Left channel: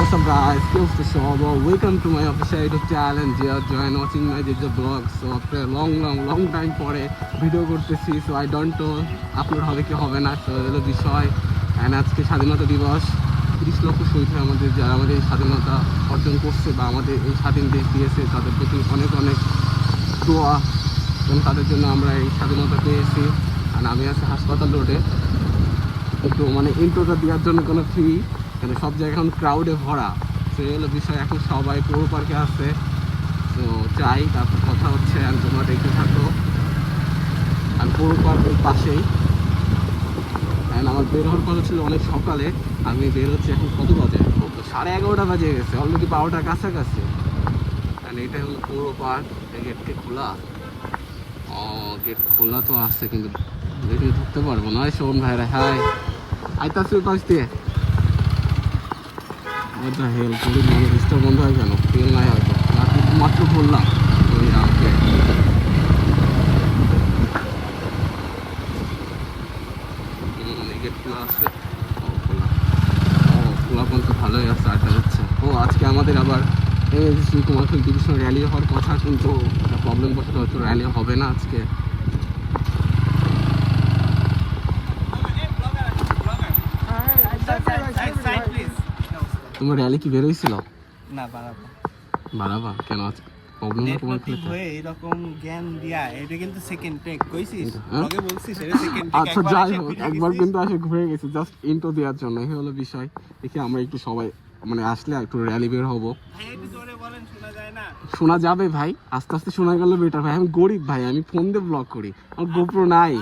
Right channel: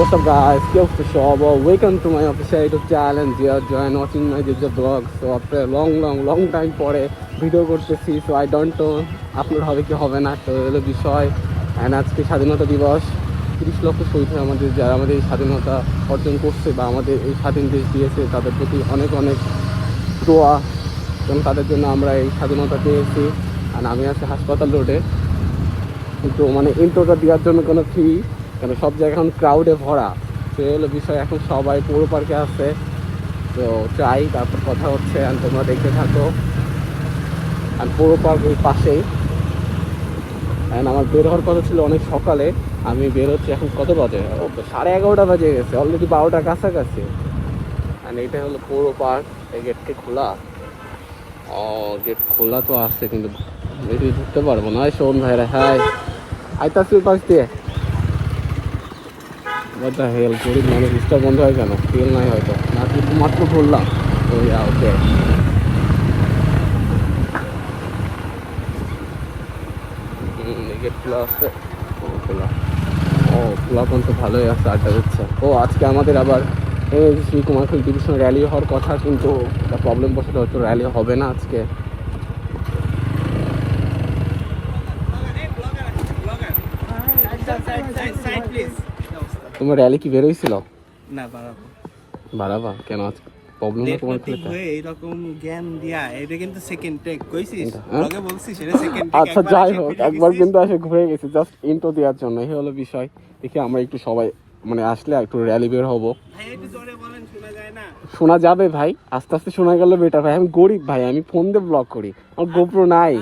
What's up guys, Kels for sure. Well, welcome to my official YouTube channel and you are join watching my digital vlog. So after a long time পরে video করতেছি, so I don't know upload হবে কি হবে না, তো হলো বিষয়। And আজকে স্বাধীনতা দিবস, 30 লক্ষ শহীদ আমাদের, যারা আমাদের এই স্বাধীনতা অর্জন করছে বা আমাদের এই স্বাধীন দেশ দিয়েছে, তাদের প্রতি অনেক দোয়া, কারণ তাদের জন্য আমরা এই স্বাধীনতা পেয়েছি। আর আমি আছি হাসপাতাল রোডে, কিন্তু মানে ইন্ট্রোটা দেওয়ার জন্য কোনো ফ্রি, কেন সব জায়গায় এখন ক্রাউডে ভরা। তো এই হলো বিষয়, এখন সবাই পৌর পার্কে আছে, তো চাই তারপর কথা হচ্ছে। অ্যান্ড তোমরা দেখতে থাকো। অ্যান্ড পৌর পার্ক এই পাশেই। অ্যান্ড আমার বের হওয়ার কথা ছিল অনেক সকালে, আমি বের হচ্ছি এখন কত বাজে, ও তো 11:30 বাজে গেছে, অলরেডি 12টার কাছাকাছি। অ্যান্ড এটা হলো পৌর পার্ক, এই গেটটি খোলা। ও গেট খোলা তো আসছে, কিন্তু এটি ঢুকতে পারবো না। শোন ভাইরা, হাই আইতাছি ওই পাশ দিয়ে। বদ্ধ হেল গরিব মানুষ, স্টার বন্ধ হয় কেন? তেল নাই হয়তো, না কিন্তু মাত্র বললাম। ও ইয়া ওকে, গেট খোলা আছে। ও খোলা, ও খোলা পর্যন্ত ভালোই আছে, আড্ডা দিচ্ছে। ও আজকে আমাদের আবার শ্রী কুমারখুল ডিভিশন র্যালি হওয়ার কথা, কিন্তু একটা প্রবলেম বসে হচ্ছে, র্যালি হবে না আজকে। তোমার র্যালি কি বেরোইছিল? না, বাড়াবা কেন? আজকে প্রবলেম না তোমার খেলতে এইরকম জ্ঞান দিয়া, এটা কিন্তু সেকেন্ড টেক কইছিস, লগে বলছিস এটা সেকেন্ড টেক। আচ্ছা যাই হোক, একবার কিন্তু এসে ঘুরে গেছি জাস্ট ইন্ট্রো দেওয়ার জন্য, এই হলো বিষয়। দেখি আমরা একটু সবাই মানে আসলে একটু র্যালি বের হবো। ভাই একটু জোরে বলেন, শোনা যায় না? শোনা যাবে ভাই, আস্তে আস্তে শোনা গেলে বেটার ভাই। আমি গরিব ভাই, আমি ফোন দিয়ে ব্লগ করি, আমার গোপ্রো নাই।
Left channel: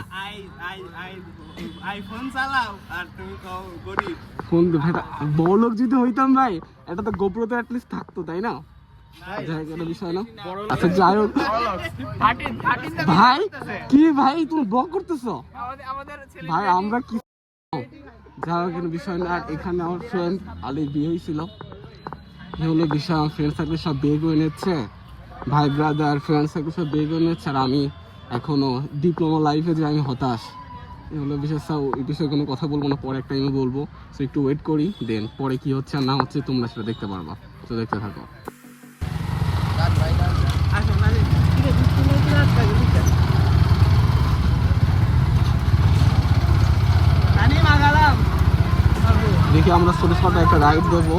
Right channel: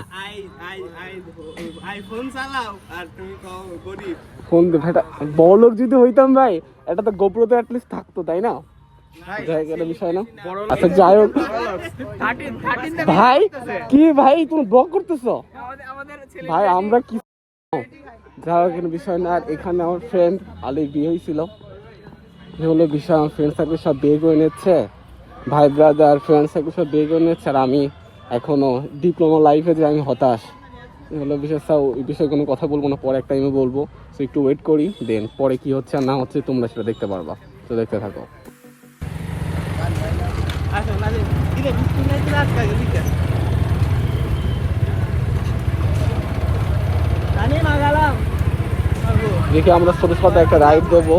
আইফোন চালাও আর তুমি কও গরিব। ফোন দিয়ে ভাই, বড়লোক যদি হইতাম ভাই, এটা তো গোপ্রো তো অ্যাটলিস্ট থাকতো, তাই না? যাই হোক, বিষয় না। আচ্ছা যাই হোক ভাই, কি ভাই তুমি ব্লগ করতেছো ভাই? আমরা কি যাই হোক, বিষয় না। আর এখানে আমার ফ্রেন্ড আলির বিয়ে হয়েছিল, এ হলো বিষয়। আমার ফ্রেন্ড সার্কেল সব বিয়ে করে নিচ্ছে, ভাই ব্রাদার ফ্রেন্ড সার্কেল সব বিয়ে করে নিচ্ছে, আর আমি এখনো ডিপ্লোমা লাইফে যে আমি হতাশ, এ হলো বিষয়। সাও এই বিষয়ে কোনো কথা বলবো না, পরে এক টাইমে বলবো। সো একটু ওয়েট করি, দেন পরে কি হচ্ছে আর না হচ্ছে তোমরা সেটা দেখতে পারবা। তো দেখতে থাকো। দেখি আমরা ছোট ছোট একটা রাইড দেবো,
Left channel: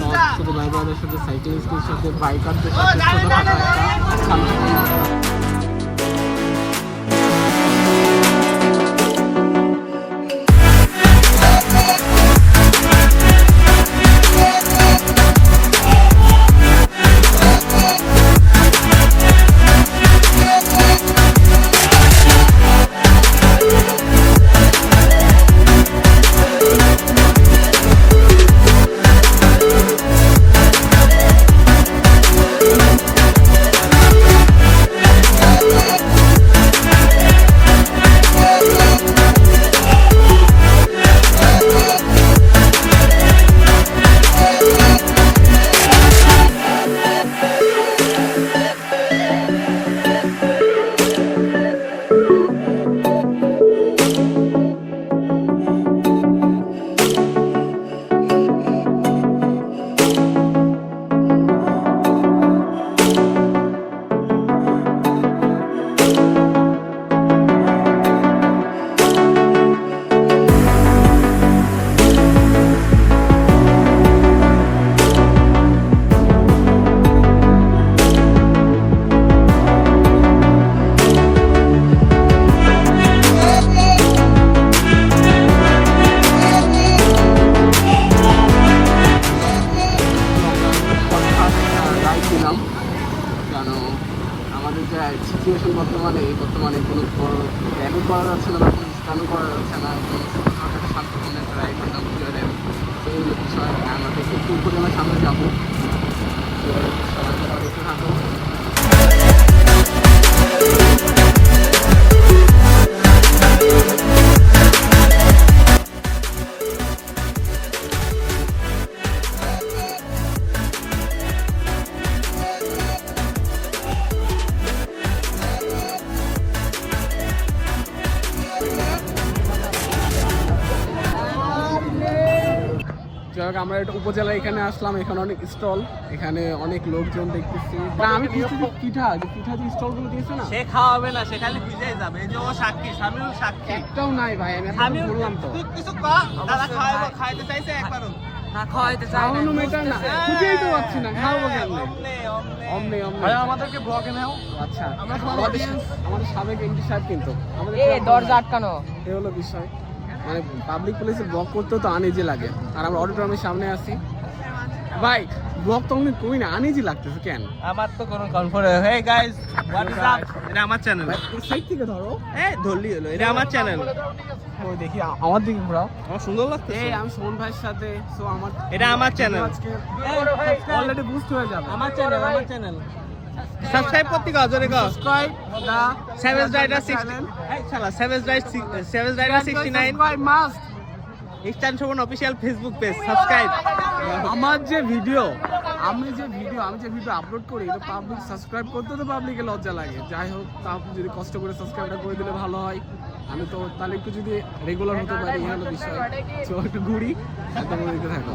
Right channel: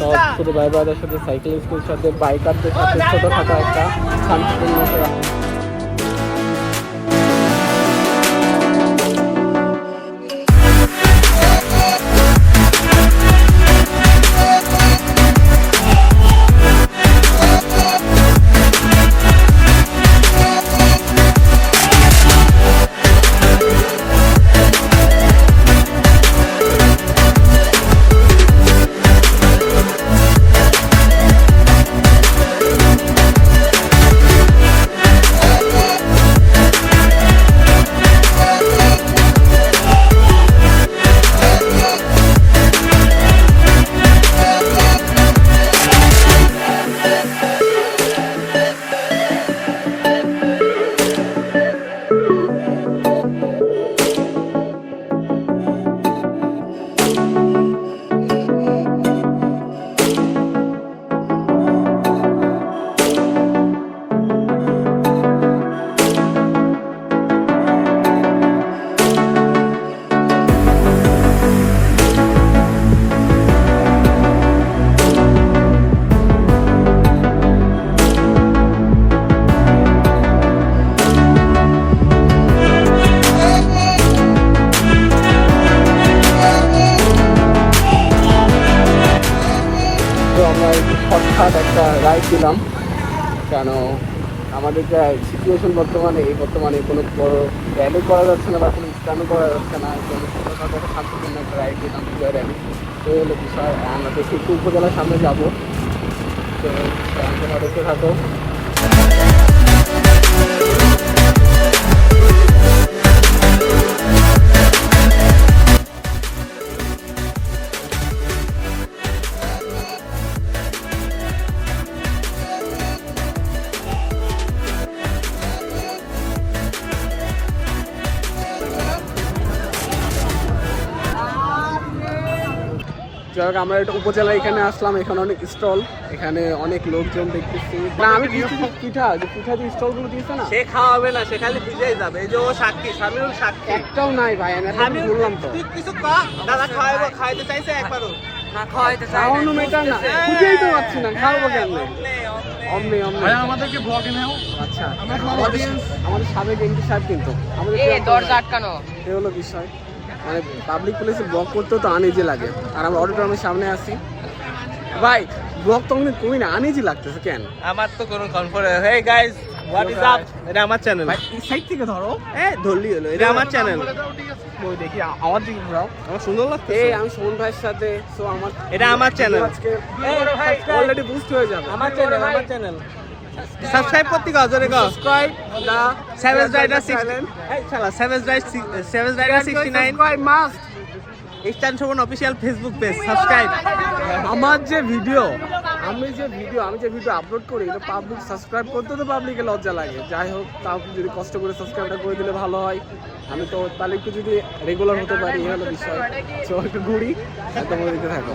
সব ছোট ভাই ব্রাদের সাথে, সাইকেলিস্টের সাথে, বাইকারদের সাথে, ছোটখাটো একটা শান্তিপূর্ণ। দিলাম, কেন আমাদের যে সিচুয়েশন বর্তমানে কোনো বড় র্যালি করা যাচ্ছে না বা কোনো স্টানও করা যাচ্ছে না, কোনো ছোটোখাটো একটা শান্তিপূর্ণ একটা রাইড দিলাম, বিজয় র্যালি। তো এই হলো বিষয়। আমাদের কিন্তু উপজেলার সামনে যাবো, তো দেখতে থাকো। হোক, আমরা একটা উপজেলা এখানে আসলাম, এখানে অনেক স্টল, এখানে অনেক লোকজন দেখতেছি। না আমি পিঠা যে স্টলগুলো দিয়েছে না, সে খাওয়াবে না, সে খালি ভিজেই যাবে। এই যে ও সাক্ষী, সামিউল সাক্ষী। একটাও নাই ভাই, আমি বললাম তো। তুই কিছু দাদা খাওয়াবো, খাইতে চাইছে একবারও না খাওয়াইতে চাই না। খাওয়ানো মেটার না, বুঝেই তো পাচ্ছি না, খাওয়াবো কেন? অমনি আমাদেরকে ব্লগে নাও। আচ্ছা, আমরা খাওয়াবো। আমাদের সাবেক এমপি সাহেব কিন্তু আমাদের এই প্রিয় দরজা ভাই। আটকানো। এই হলো বিষয়, মানে পাবলিক প্লেসে ব্লগ করতেও তো আনইজি লাগে, আর আমরা অডিটোরিয়ামের সামনে আছি ভাই, ব্লগ তো অনেক কমই না, আনইজি লাগতেছে কেন? আমার তো কোনো conference. Hey guys, what is up? এটা আমার চ্যানেল। ভাই সাইড থেকে ধরো, ধরলি হলো, এটা আমার চ্যানেল। ওই দেখি আমার দিকে ঘোরাও। আমার সুন্দর লাগছে। এই আমি সুমন ভাইয়ের সাথে, সো আমার এটা আমার চ্যানেল। আজকে অলরেডি বুস্ট হয়ে যাবে। আমার চ্যানেল। সাবস্ক্রাইব করতে গাও, জোরে গাও। Subscribe the Savage Rider channel, এই শালা Savage Rider 69 subscribe must. Eastern Shobhan official Facebook page subscribe. আমার যে ভিডিও আমি যে ভিডিও আপলোড করি, এটা পাবলিক সাবস্ক্রাইব করতে তো পাবলিকের লজ্জা লাগে। যাই হোক, তাও যদি কষ্ট করে সাবস্ক্রাইবটা করে দিলে ভালো হয়। আমি তো তাহলে একটু যদি রেগুলার হতে পারি, এই হলো বিষয়। তো একটু ঘুরি, একদম দিতে থাকো।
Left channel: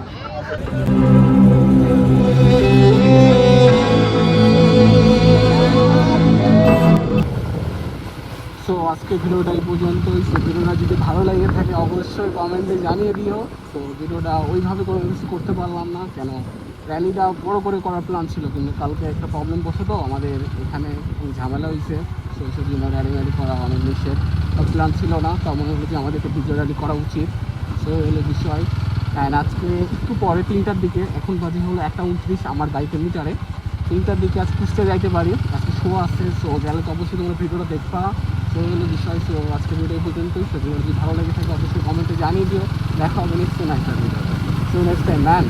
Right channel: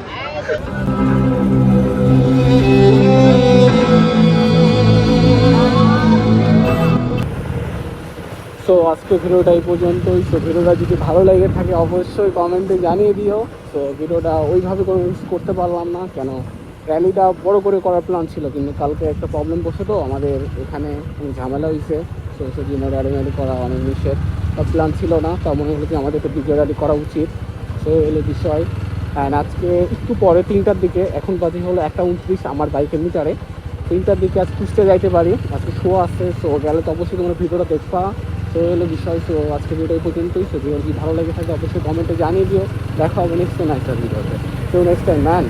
সো আজকে ভিডিওটা এই পর্যন্তই। সো ভিডিওটা যদি ভালো লেগে থাকে অবশ্যই কমেন্টে জানিয়ে দিও। তো ভিডিওটা ওইভাবে কোনো কিছু করতে পারলাম না, কেন র্যালিটা বড় করে করার প্ল্যান ছিল, কিন্তু কালকে একটা প্রবলেম বসে তো আমাদের এখানে ঝামেলা হয়েছে। তো সেজন্য র্যালি করা অনেক নিষেধ, প্ল্যান ছিল না। তা মনে হলো যে আমাদের একটা বিজয় র্যালি করা উচিত। সো এলো বিষয়। অ্যান্ড আজকে একটু পরে 3টার দিকে, এখন বাজে হলো 1:29 আমার বাইকের মিটারে, 3টার দিকে আজ কুষ্টিয়া যাইতে পারি, আজকে শো আছে। সো গেলে তো অবশ্যই তোমরা ভিডিওটা দেখবা। তো হলো বিষয়। সো আজকে ভিডিও এই পর্যন্তই। সো ভিডিও যদি ভালো লেগে থাকে অবশ্যই কমেন্টে জানিয়ে দিও। দেখা হবে নেক্সট টাইম একটা ভিডিওতে। So next time man.